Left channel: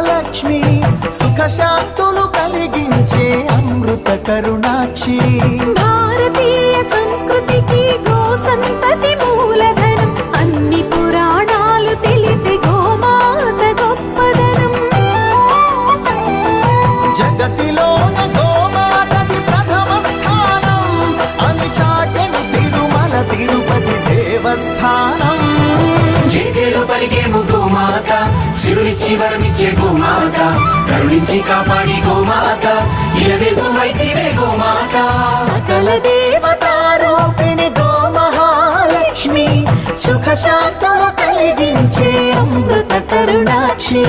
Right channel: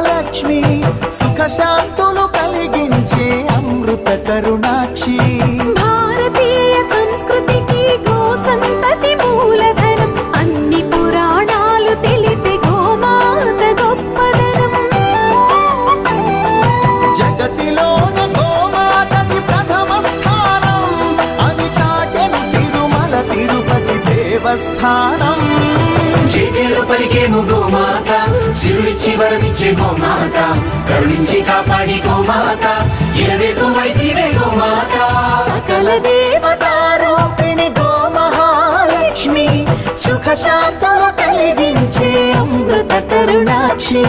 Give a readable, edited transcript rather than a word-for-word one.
మహాలక్ష్మి, సుఖశాంతులు కలిగించే అమృత కరుణాక్షి. భారతీయ సంస్కృతికి గో సంతతి మూలధనం, అన్ని పురాణాలు తెలిపే గోమాత గొప్పదనం. జగతిలోన గోమాతది ప్రథమ స్థానం అని చాటెను తిరుమల తిరుపతి దేవస్థానం. జేజేలు పలికేము గోమాత, సిరుడిచ్చి వరమిచ్చే గోమాత, కరుణించి కాపాడి గోమాత, ఇలవేల్పు వైతివే గోమాత. సకల దేవతారూపిణి గో మహాలక్ష్మి, సుఖశాంతులు కలిగించే అమృత కరుణాక్షి.